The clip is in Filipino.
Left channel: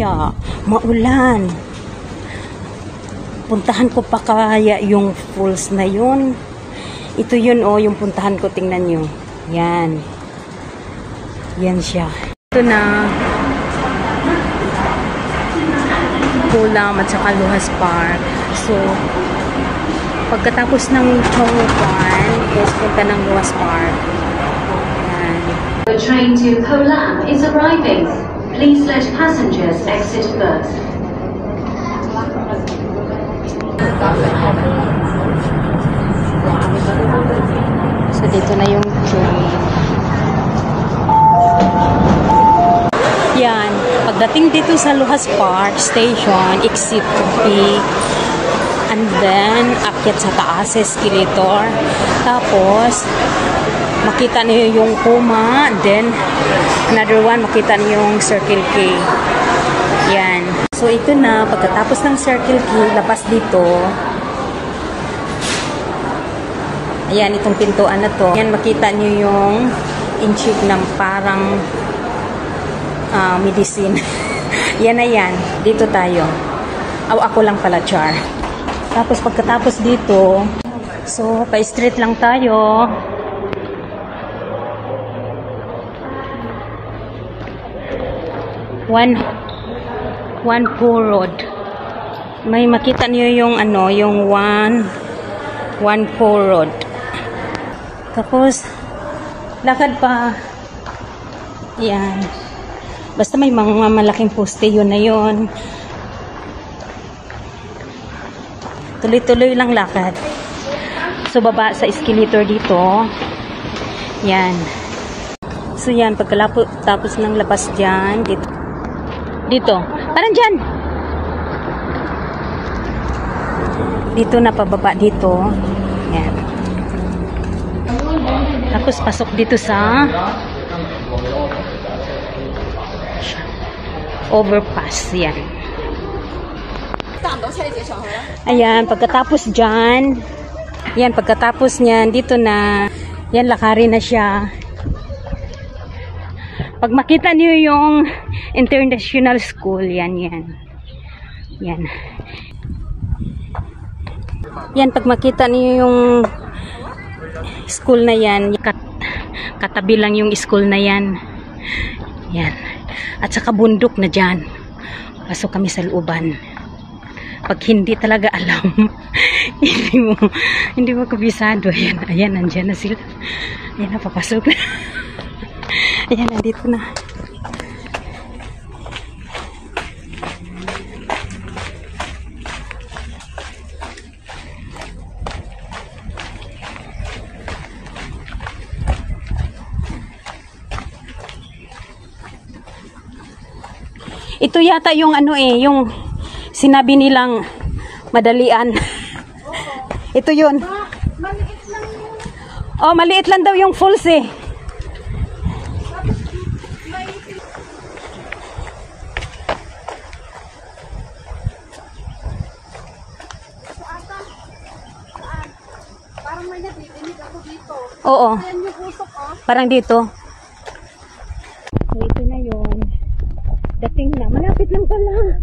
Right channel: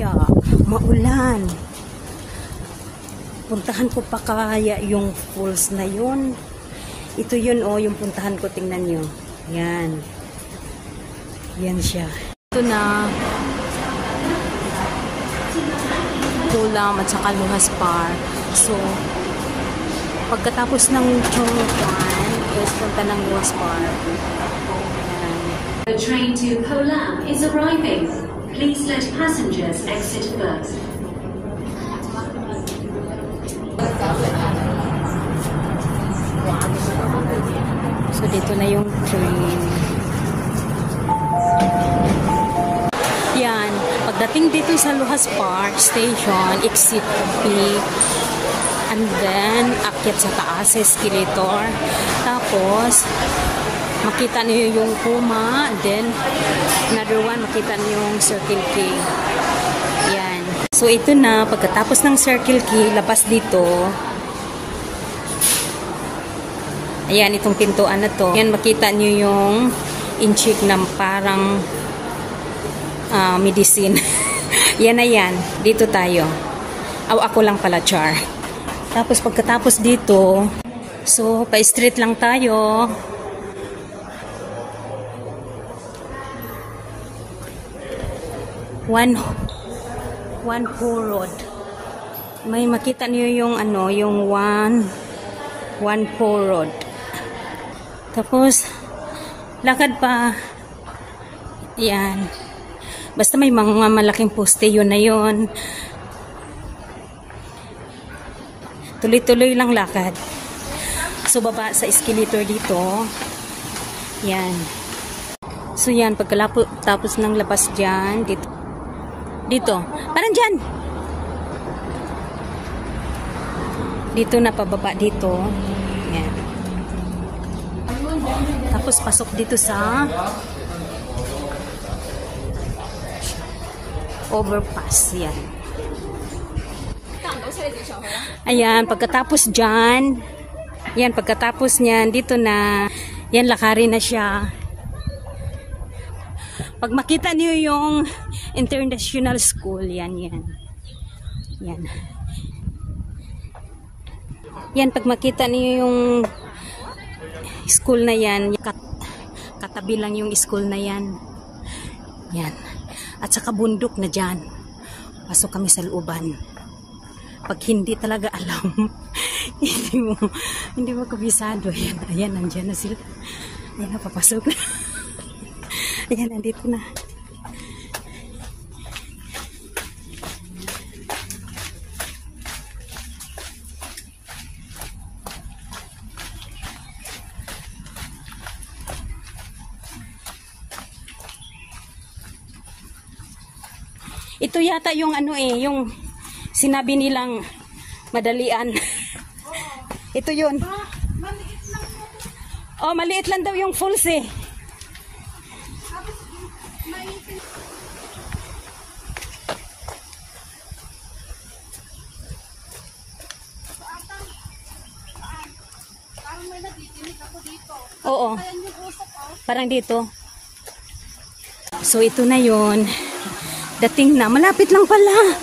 kaya maulan. Puntahan ko pa kaya yung falls na yun. Ito yun oh, yung puntahan ko, tingnan nyo. Yan. Yan siya. Ito na. Kulam at saka Luhas Park. So, pagkatapos ng Chongquan, is punta ng Luhas Park. Yan. The train to Kolam is arriving. Please let passengers exit first. So, dito na yung train. Yan. Pagdating dito sa Luhas Park Station, exit B, and then, akyat sa taas, escalator. Tapos, makita niyo yung Kuma, then, another one, makita niyo yung Circle K. Yan. So, ito na, pagkatapos ng Circle K, labas dito. Ayan, itong pintuan na to. Ayan, makita niyo yung inchik ng parang medicine. Yan na yan. Dito tayo. Ako lang pala, char. Tapos, pagkatapos dito, so, pa-street lang tayo. One poor road. May makita niyo yung ano, yung one poor road. Tapos, lakad pa. Yan. Basta may mga malaking poste, yun na yun. Tuloy-tuloy lang lakad. So, baba sa escalator dito. Yan. So, yan. Pagkatapos ng labas dyan, dito. Dito. Parang dyan. Dito na pababa dito. Yan. Tapos, pasok dito sa overpass. Yan. Ayan, pagkatapos dyan, yan, pagkatapos nyan, dito na, yan, lakarin na siya. Pag makita niyo yung international school, yan. Yan. Yan, pag makita niyo yung school na yan, katabi lang yung school na yan. Yan. At saka bundok na dyan. Pasok kami sa looban. Pag hindi talaga alam, hindi mo kabisado. Ayan, nandyan na sila. Ayan na, papasok na. Ayan, nandito na. Ito yata yung ano yung sinabi nilang madalian. Ito yun. Maliit lang. Oh, maliit lang daw yung falls eh. Parang may nadidinig ako dito. Oo. Ayan yung usok oh. Parang dito. So ito na yun. Dating na. Malapit lang pala.